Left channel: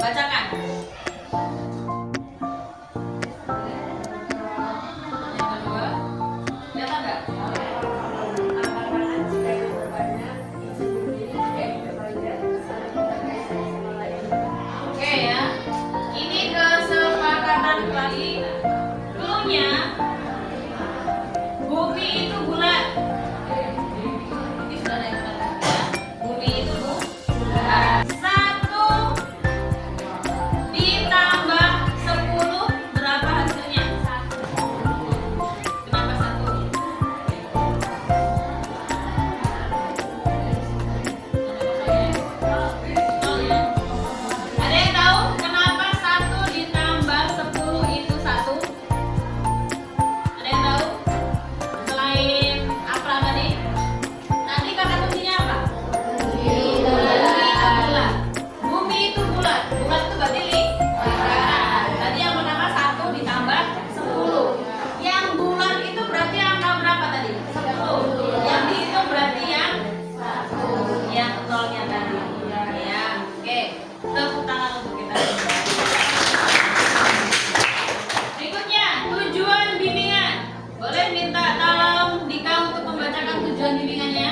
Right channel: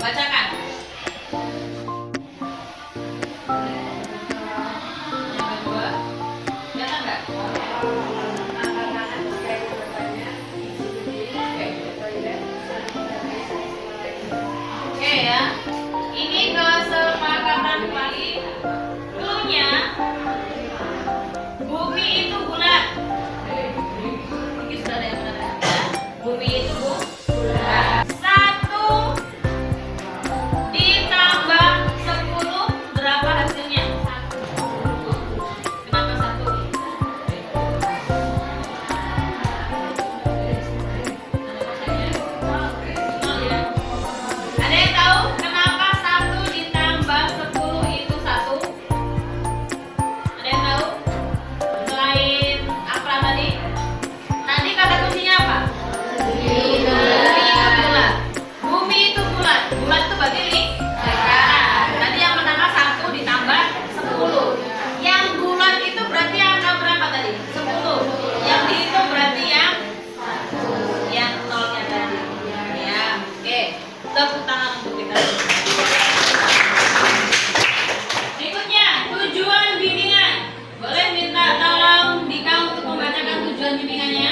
Bacakan. Yang kedua, kelihatan nggak? Oke ya. Ini kesepakatan lagi. Cluenya, bumi itu bulat. Ini sudah ada yang benar ya. Bumi itu bulat. 1 ditambah 10 berapa hasilnya? 1. Kenapa 1? Ada yang tahu kenapa 1 ditambah 10 itu 1? Ada yang tahu? Selain apa tadi? Tadi kata kuncinya apa? Bumi itu bulat. Bumi itu bulat. Bulat itu berarti lingkaran. Tadi yang pertama 1 ditambah 10. Yang bulat itu berarti angka berapa tadi? 10. Yang dihitung berarti yang nolnya tadi. Ya, oke. Tepuk tangan untuk kita. Berikutnya, tujuan bimbingan. Boleh minta tolong Dika untuk membacakan tujuan bimbingannya?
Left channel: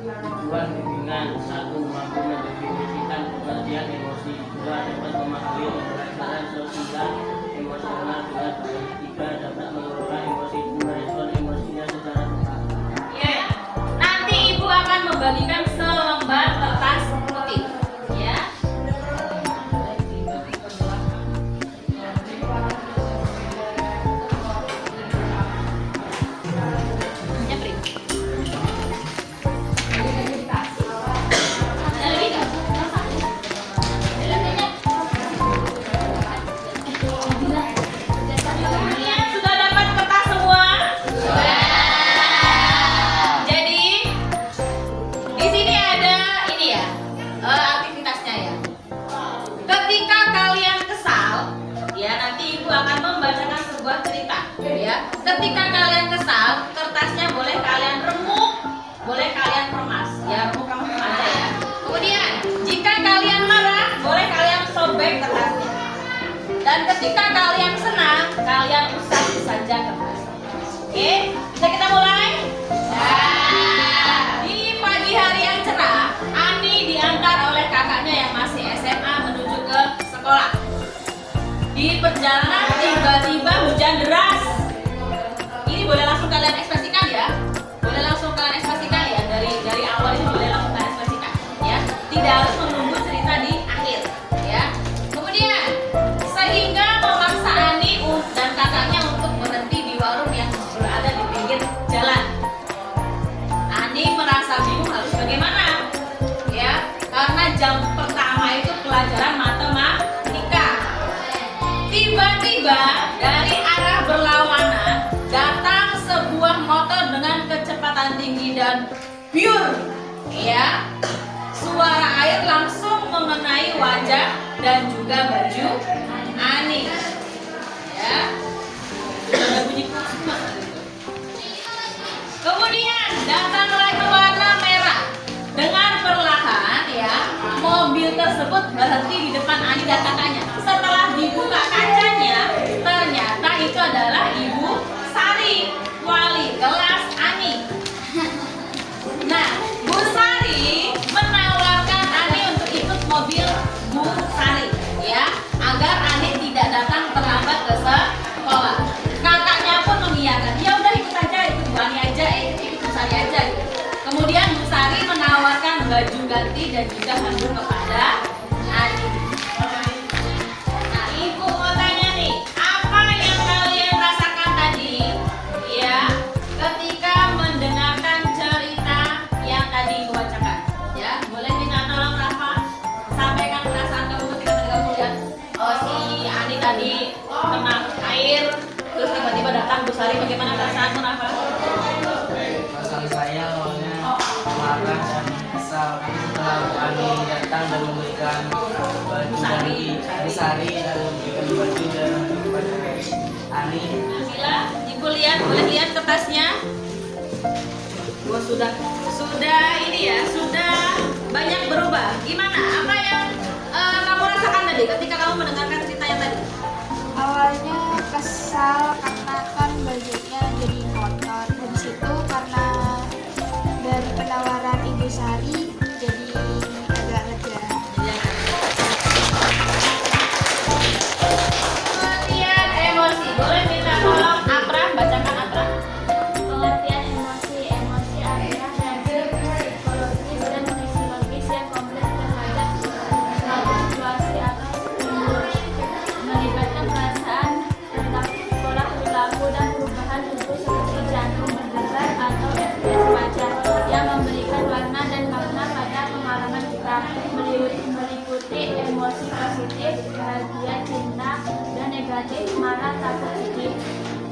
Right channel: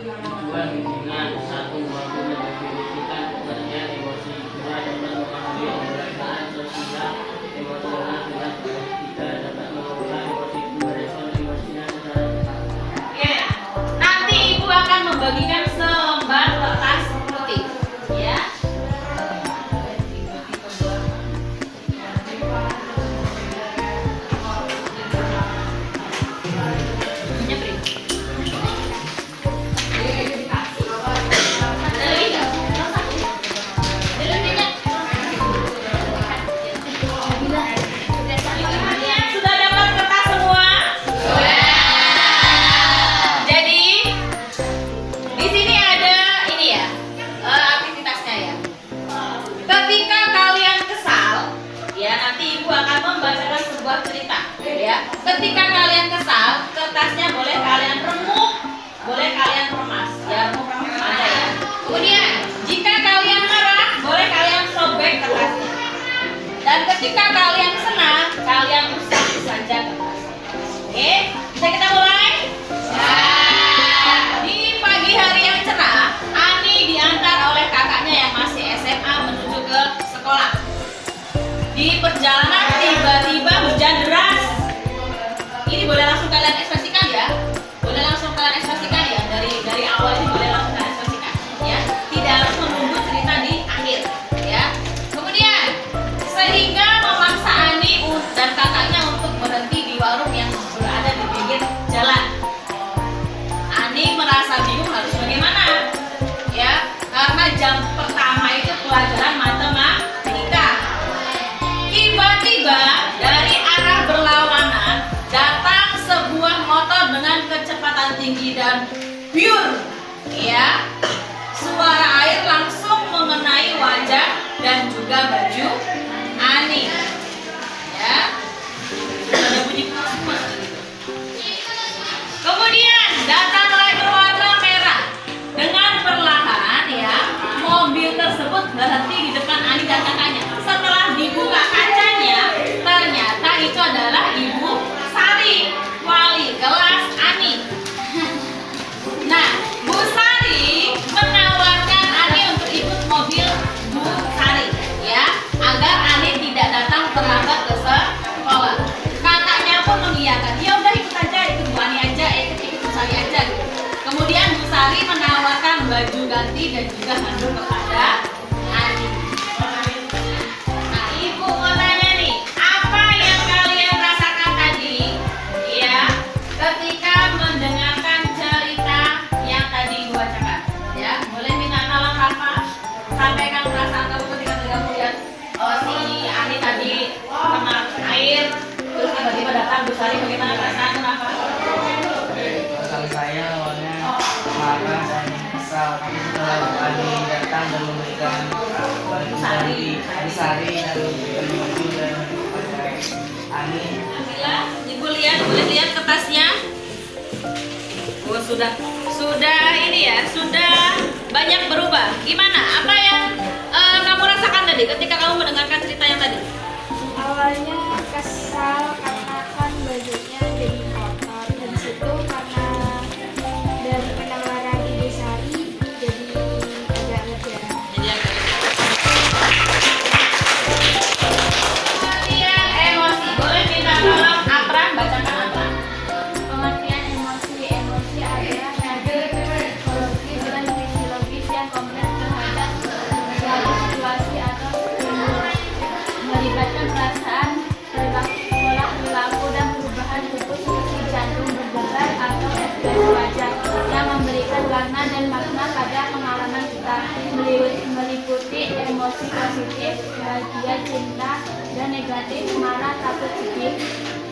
Tujuan bimbingan 1. Membantu mendefinisikan pengertian emosi. 2. Dapat memahami pembelajaran sosial emosional dengan baik. 3. Dapat mengelola emosi. Merespon emosinya secara tepat. Oke. Nanti Ibu akan membagikan selembar kertas putih, ya. Nyepri. Ada lagi nggak? Ada lagi nggak? Kalian sudah dapat kertas semua? Jadi di sini ada ini ya, aktivitasnya ya. Ketika kalian kesal, ya nanti Ibu akan membacakan sebuah cerita, ya. Ketika kalian kesal, kertasnya boleh kalian remuk, boleh kalian remas, ya remuk aja ya. Kemudian jika kalian marah, boleh kalian sobek kertasnya. Dan ketika kalian senang, kalian usap saja kertasnya. Oke, bisa kita mulai? Di pagi hari yang cerah, Ani diantar oleh kakaknya yang masih SMA menuju ke sekolah. Di perjalanan tiba-tiba hujan deras. Ini boleh langsung kalian ekspresikan ya. Boleh langsung kalian ekspresikan ya. Dari awal ini boleh langsung kalian ekspresikan ya. Tidak harus menunggu cerita di akhir ya. Kemudian sehingga memaksa Ani dan kakaknya untuk berhenti di warung yang berada di pinggir jalan. Ani merasa bingung harus bagaimana ya, karena jam pertama itu pelajaran matematika. Tiba-tiba dari arah berlawanan datang sebuah motor dengan kecepatan tinggi dan biur ya. Suara air langsung mengenai wajah dan juga baju Ani ya. Ada bunyi semua gitu. Kemudian datanglah warna merah. Dengan perlahan ya, mobil tersebut berhenti di depan Ani dan kakaknya. Setelah dibuka kacanya, ternyata itu adalah Ibu Sari, wali kelas Ani. Nah, Bu Sari menawarkan Ani untuk ikut mobil Bu Sari ya, agar Ani tidak datang terlambat ke sekolah. Kakaknya pun mengiyakan, ya udah ikut aja, ikut Bu Ani aja, ikut Bu Sari aja gitu. Kemudian Bu Sari menawarkan baju ganti dan juga handuk kepada Ani. Nah, Ibu mau tanya nih, apa yang kalian rasakan tadi ya ketika mendengarkan cerita yang tadi Ibu bacakan ya? Boleh minta tolong Rafa sampaikan perasaan kamu ketika kamu lihat si Ani tadi kena air terus tiba-tiba datang Bu Sari, bagaimana perasaanmu Rafa? Perasaan saya awalnya marah dan kesal, tapi setelah Bu Ani datang dan memberikan baju dari Bu Sari dan memberikan baju dan kepada Ani. Nabila, Ibu lihat, boleh lihat kertasnya? Oh, sudah ini ya, sudah banyak berubah. Gimana? Apa yang kamu rasakan tadi meliputi emosi positif, bahagia, cinta, dan negatif, marah, takut, sedih,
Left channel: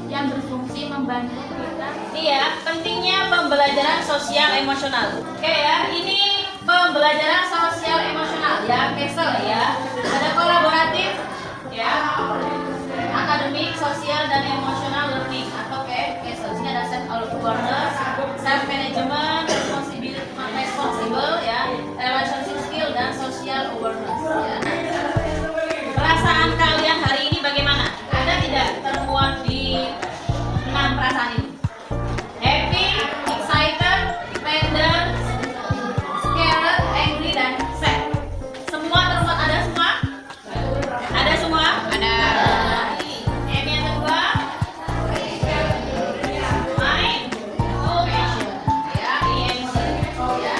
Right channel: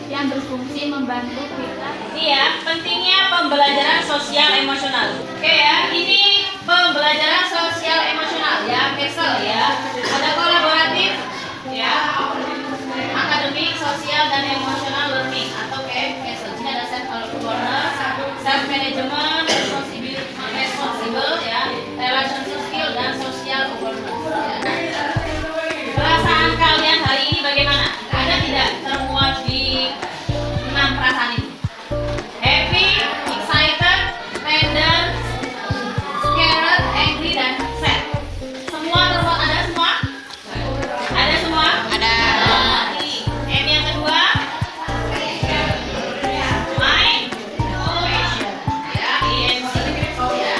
yang berfungsi membantu kita. Iya, pentingnya pembelajaran sosial emosional. Oke ya, ini pembelajaran sosial emosional ya, PESEL ya. Ada kolaboratif ya, akademik, sosial, dan emosional learning atau PESEL. Sini ada self awareness, self management, responsible ya, relationship skill, dan social awareness ya. Perasaan kalian hari ini bagaimana? Ada tidak termuat di 6 perasaan ini? Happy, excited, tender, scared, angry, dan sad. Semua termuat, ada semua? Ada semua? Ada. M yang kedua? Mind, motivation. Ya, IMC. Ya.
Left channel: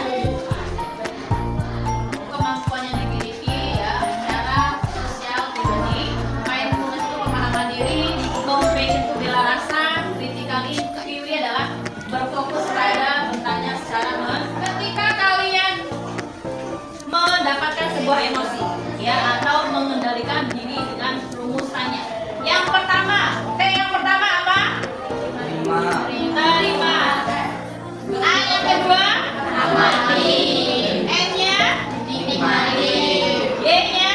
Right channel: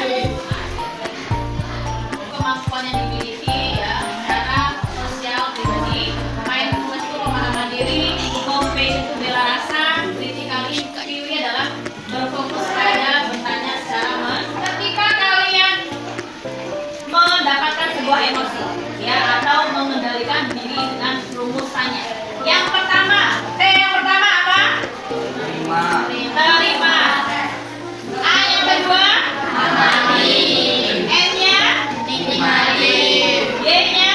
Kemampuan yang dimiliki ya, secara sosial pribadi. Mindfulness itu pemahaman diri, motivation itu bela rasa, critical inquiry adalah berfokus pada bertanya secara ketika kalian mendapatkan sebuah emosi ya atau mengendalikan diri dengan rumus tanya. Yang pertama, yang pertama apa? Terima. A yang kedua? Amati. N-nya? Nikmati. Y-nya?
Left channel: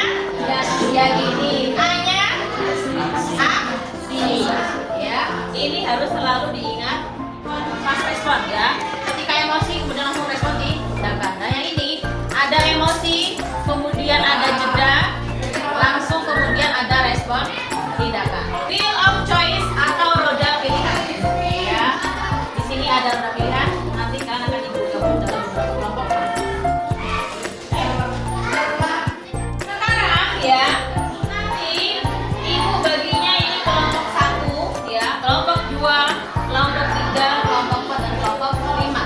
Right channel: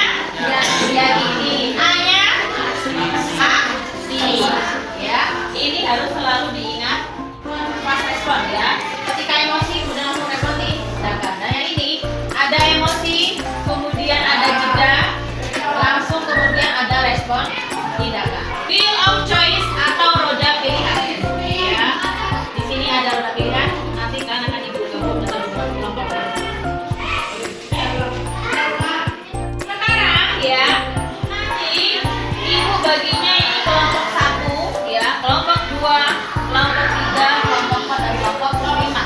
Yakini. A-nya? Aksi. Ya, ini harus selalu diingat pas respon ya. Ketika emosi kemudian langsung respon tindakan. Nah yang ini ada emosi, kemudian ada jeda, langsung kemudian ada respon tindakan. Wheel of choice atau roda pilihan. Ya, di sini ada roda pilihan. Nanti kalian akan ibu gabung dalam beberapa kelompok. Sekarang ya, nanti ibu baginya ini kelompok 1 ya, kelompok 2, kelompok 3, kelompok 4, dan kelompok 5.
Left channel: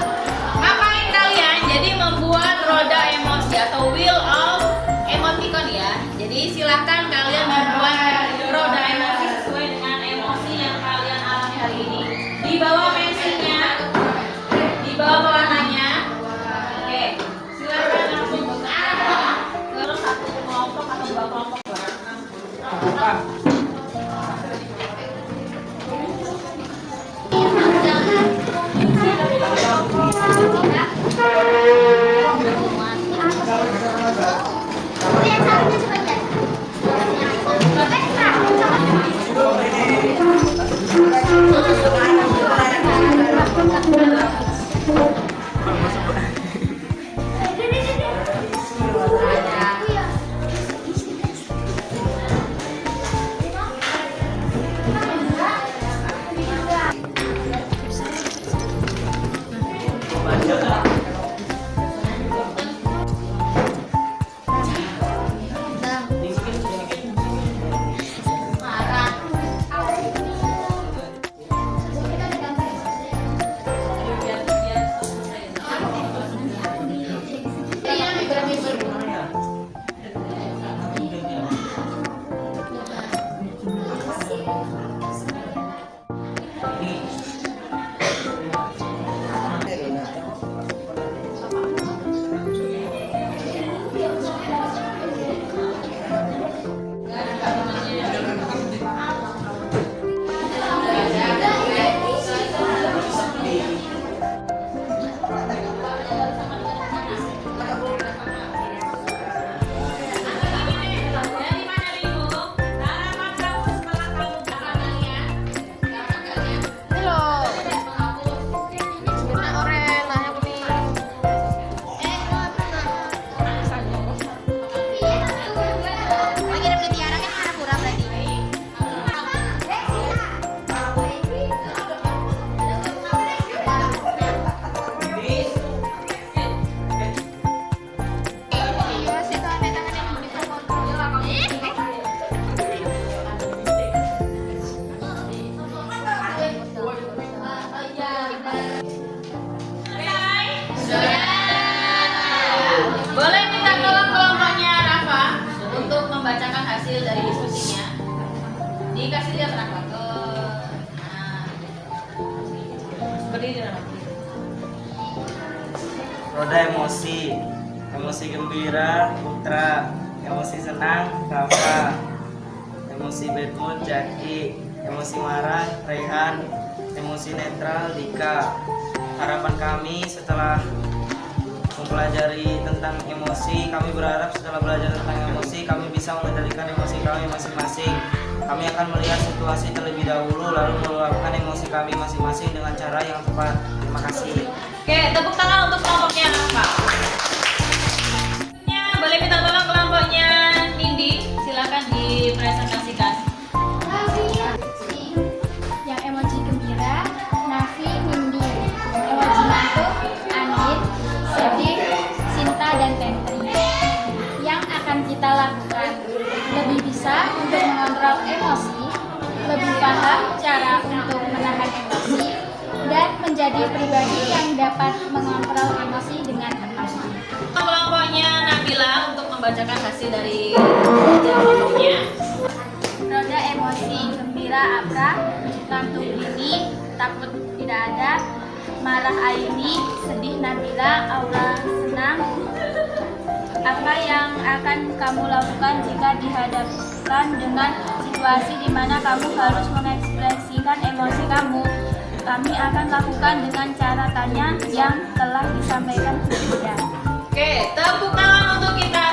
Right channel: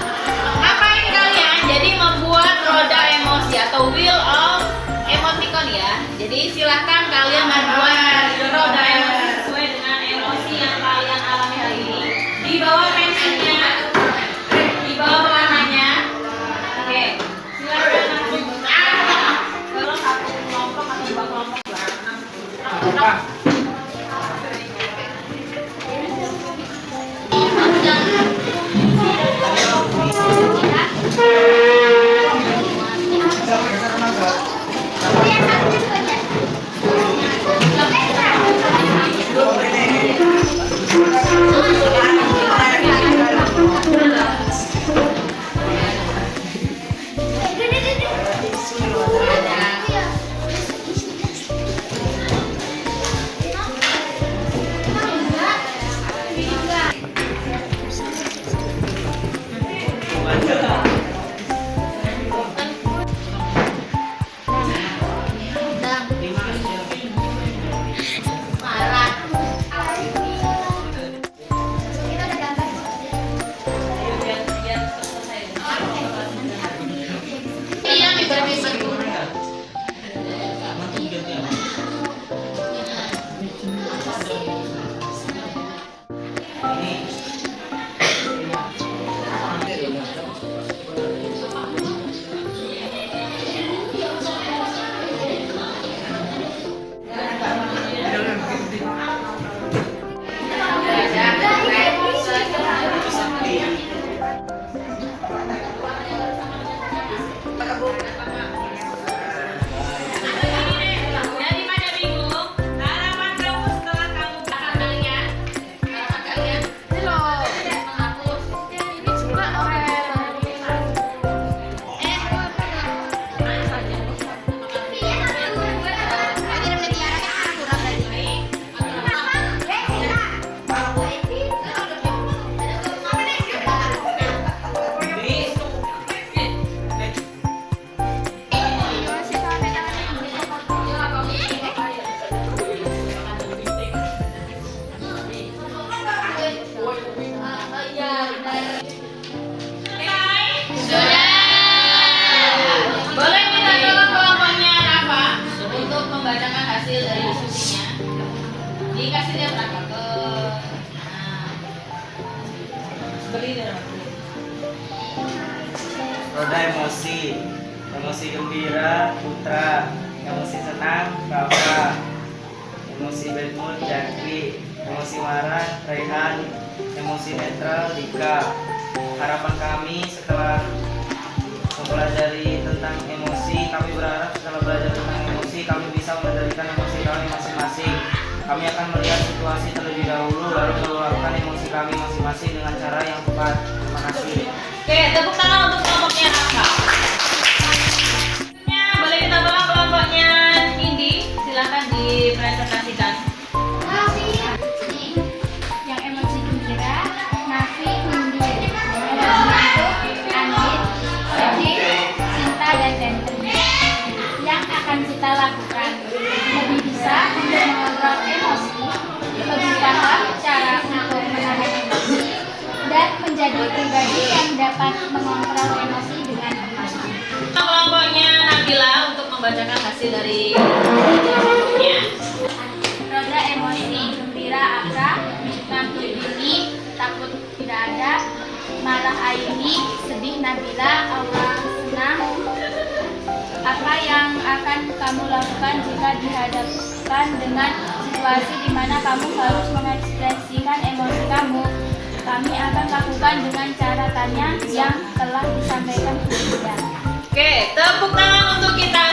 Ngapain kalian? Jadi membuat roda emosi atau wheel of emoticon ya. Jadi silakan kalian membuat roda emosi sesuai dengan emosi yang kalian alami hari ini. Di bawah pensilnya, di bawah pewarnanya. Oke, silakan langsung ke satu kelompok atau 2 kelompok. membacakan hasil dari diskusinya. Dikasih dia perangkat ke berdiri dalam Roda emosi. Emosi gembira Putra, emosi senang Rafa, emosi bad mood Jaki, emosi marah Rehan, emosi netral Dika. Harapan kami setelah mempelajari tentang emosi, kami berharap setelah belajar tentang emosi kami bisa mengendalikan emosi kami masing-masing. Kami akan melihat situasi terlebih dahulu lalu meluapkan emosi kami masing-masing dengan cara yang tepat. Terima kasih. Oke, tepuk tangan untuk kelompoknya Rafa. Boleh kita tolong kelompoknya Nindi, silakan dipresentasikan. Yang emosi gembira, Nafi, Nindi. Emosi itu Anit, sedih, cinta, dan Tentri. Yang akan kita lakukan lebih bisa untuk mengontrol emosi, lebih paham cara untuk menahan emosi, dan menjadi pribadi yang dapat mengontrol emosi dengan tepat. Kelompoknya Nabila untuk membacakan hasil dari kelompoknya. Roda emosi, gembira Aka, ngantuk Billy, takut tidak ada, marah Aini, sedih Nabila, aura senang. Apa yang akan kamu lakukan jika dihadapkan dengan situasi di mana kamu harus mengekspresikan emosi kamu? Kami akan lakukan dengan cara tanya yang telah disampaikan sebelumnya. Oke, tepuk tangan untuk kita